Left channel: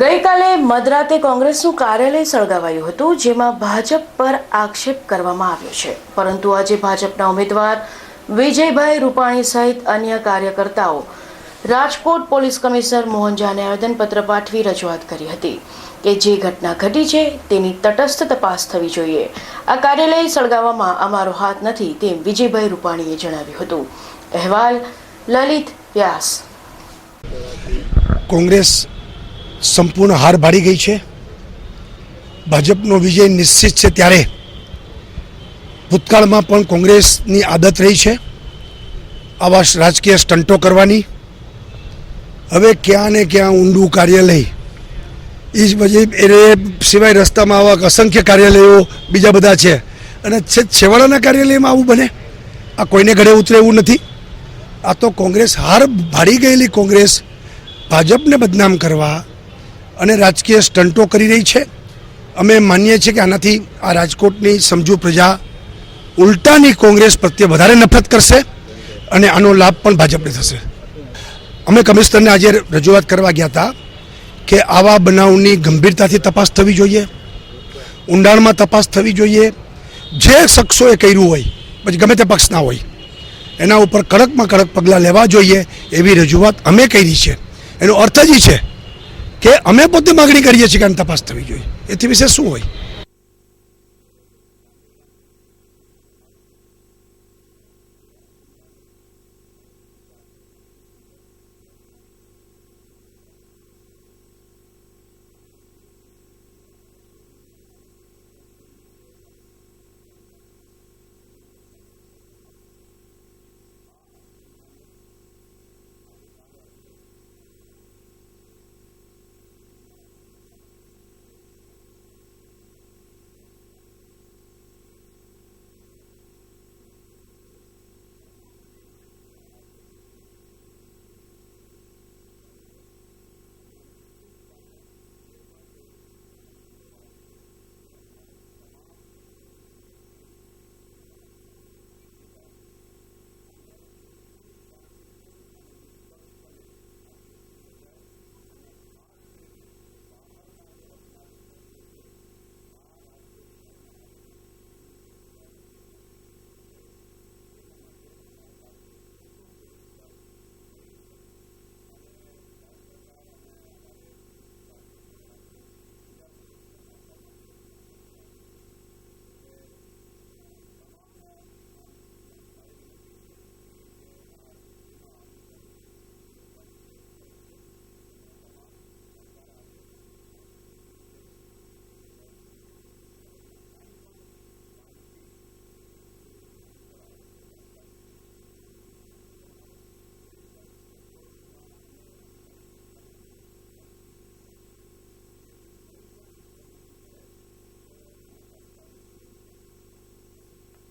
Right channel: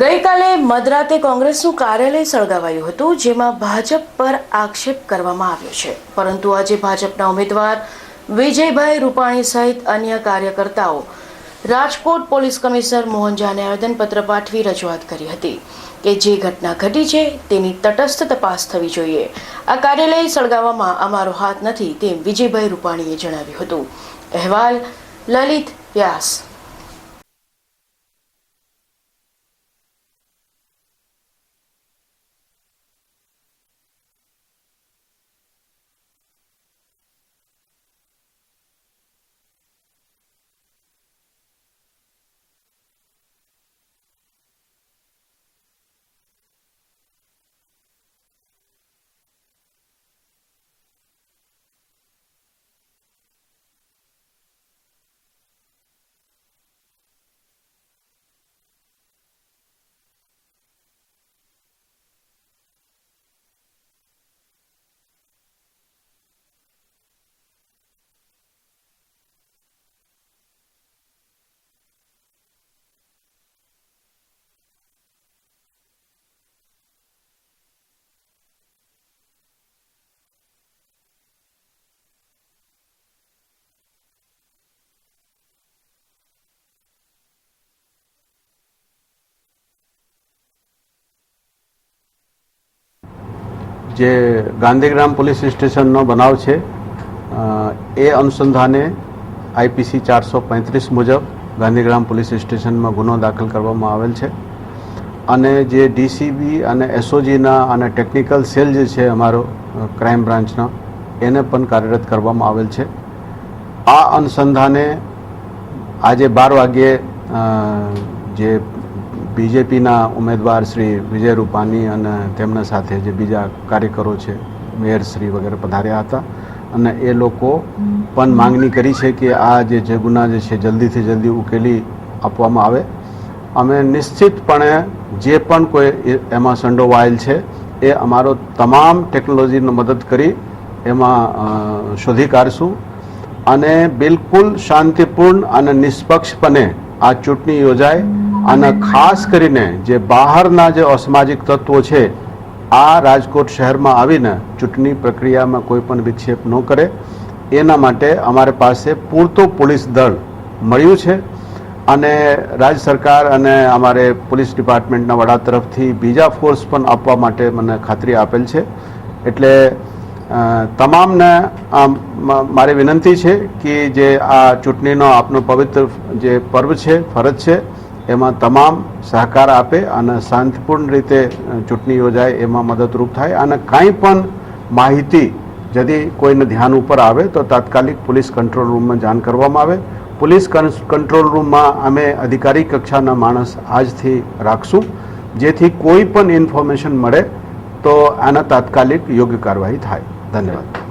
ગઈકાલે મધરાતે કોંગ્રેસનું કાર્યાલય સળગાવાયું હતું, જેમાં ભાજપ પર આક્ષેપ કરવામાં આવ્યો છે. પરંતુ આજે ભાજપના ઉમેદવાર વિજયભાઈ રૂપાણી સહિત અન્ય કાર્યકર્તાઓ રાજકોટ પોલીસ કમિશનર મોહન ઝાને આવેદનપત્ર પાઠવી રજૂઆત કરી હતી કે જે ઘટના ઘટી છે તેની તટસ્થ તપાસ થવી જોઈએ. આ કાર્યાલય સળગાવવામાં અમારો હાથ નથી તેમ વિજયભાઈ રૂપાણીએ જણાવ્યું હતું. અહેવાલ લલિત વ્યાસ. કોંગ્રેસ સંપૂર્ણ હાર ભાડી ગઈ છે. ભાજપનો વિજય નિશ્ચિત છે. ત્યારે ભૂતકાળમાં પણ કોંગ્રેસની આદત રહી છે આવા રાજકીય સ્ટંટો કરવાની. હવે ક્યાં ને ક્યાં ઊંડું કાર્યાલય એ જ એ સિવાય રસ્તામાં આવા અસંખ્ય કાર્યાલયો બીજા બધા છે અને છેવાડાના કાર્યાલયમાં આવું બને. આ કોઈને ઘરે ઉતરે એવું નથી. આ તો કોંગ્રેસ હાર ભાડી ગયેલી કોંગ્રેસ ભાજપને બદનામ કરવા અને રાજકીય સ્ટંટો કરી રહી છે. અમે માનીએ છીએ કે આનાથી આ રાજકોટની સમજુ પ્રજા ઉલટાની કોંગ્રેસ પ્રત્યે વધારે નફરત કરશે અને આનો લાભ પણ ભાજપને થશે. અમે કમિશનરને આજે રજૂઆત કરવા ગયા હતા કે આવા બનાવની ગંભીરતાથી તપાસ થવી જોઈએ, ઊંડાણમાં તપાસ થવી જોઈએ. જે શખ્સોએ કર્યું હોય, પછી ગમે તે પક્ષના હોય, એના ઉપર કડકમાં કડક પગલાં લેવા જોઈએ એવી રજૂઆત અમે કરી છે. એનો અર્થ જ છે કે અમે પોતે માગણી કરીએ છીએ કે આની તપાસ થવી જોઈએ. એથી વિશે શું હોય? જે ગાંધીગ્રામ પોલીસ સ્ટેશનનો બનાવ છે એ અનુસંધાને આઈપીસી 435 મુજબ ગાંધીગ્રામ પોલીસ સ્ટેશનમાં ગુનો દાખલ કરવામાં આવેલ છે અને જે ડીસીબી અને એસઓજીના અને ટેકનિકલ સેલ જે છે અમારો ક્રાઇમ બ્રાન્ચનો એને પણ કાર્યરત કરવામાં આવેલ છે. આ અનુસંધાને આજે 12 વાગ્યે જે બીજેપીના ઉમેદવાર શ્રી વિજય રૂપાણી અને તેમના સાથે જે બીજા કાર્યકરો છે, મેયરશ્રી વગેરે પધાર્યા હતા અને એ લોકો પણ માંગણી કરી છે કે આ જે ગુના જે છે જલ્દીથી જલ્દી ઉકેલી આપવામાં આવે. અમે નિશ્ચિતપણે જે પણ કોઈ એમાં સંડોવાયેલ છે એ અમારો તમામ ટેકનોલોજીનો મદદ કરી એમાં શોધી કાઢશું અને બિલકુલ શાંતિપૂર્ણ અને નિષ્પક્ષપણે આ ચૂંટણી યોજાય અને ખાસ કરીને જે બહારના જે અસામાજિક તત્વો છે આ રાજકોટ શહેરમાં આવીને ચૂંટણી પ્રક્રિયામાં કોઈ પણ વિક્ષેપ ન કરે એના માટે અમારી પાસે પૂરતો પોલીસ દળ મળ્યું છે અને રાજ્ય સરકાર અને અમારે પોલીસ ડિપાર્ટમેન્ટના વડા તરફથી બીજા ફોર્સ પણ આપવા માટે મને ખાતરી આપેલ છે. એટલે તમામને મારી વિનંતી છે કે જે આ ચૂંટણીનો આપનો પવિત્ર જે પર્વ છે, ફરજ છે, એમાં તમામ સહકાર આપે અને શાંતિપૂર્ણ રીતે ચૂંટણી યોજાય એમાં મદદરૂપ થાય. અને કાંઈ પણ માહિતી ଯଦି કોઈને ધ્યાન ઉપર આવે તો તાત્કાલિક પોલીસ કંટ્રોલ રૂમમાં જાણ કરવામાં આવે. પોલીસ કંટ્રોલ રૂમમાં અમે અધિકારી કક્ષાના માણસ આજથી રાખશું જેથી કોઈ પણ ઇન્ફોર્મેશન મળે તો આના તાત્કાલિક યોગ્ય કાર્યવાહી થાય. ધન્યવાદ.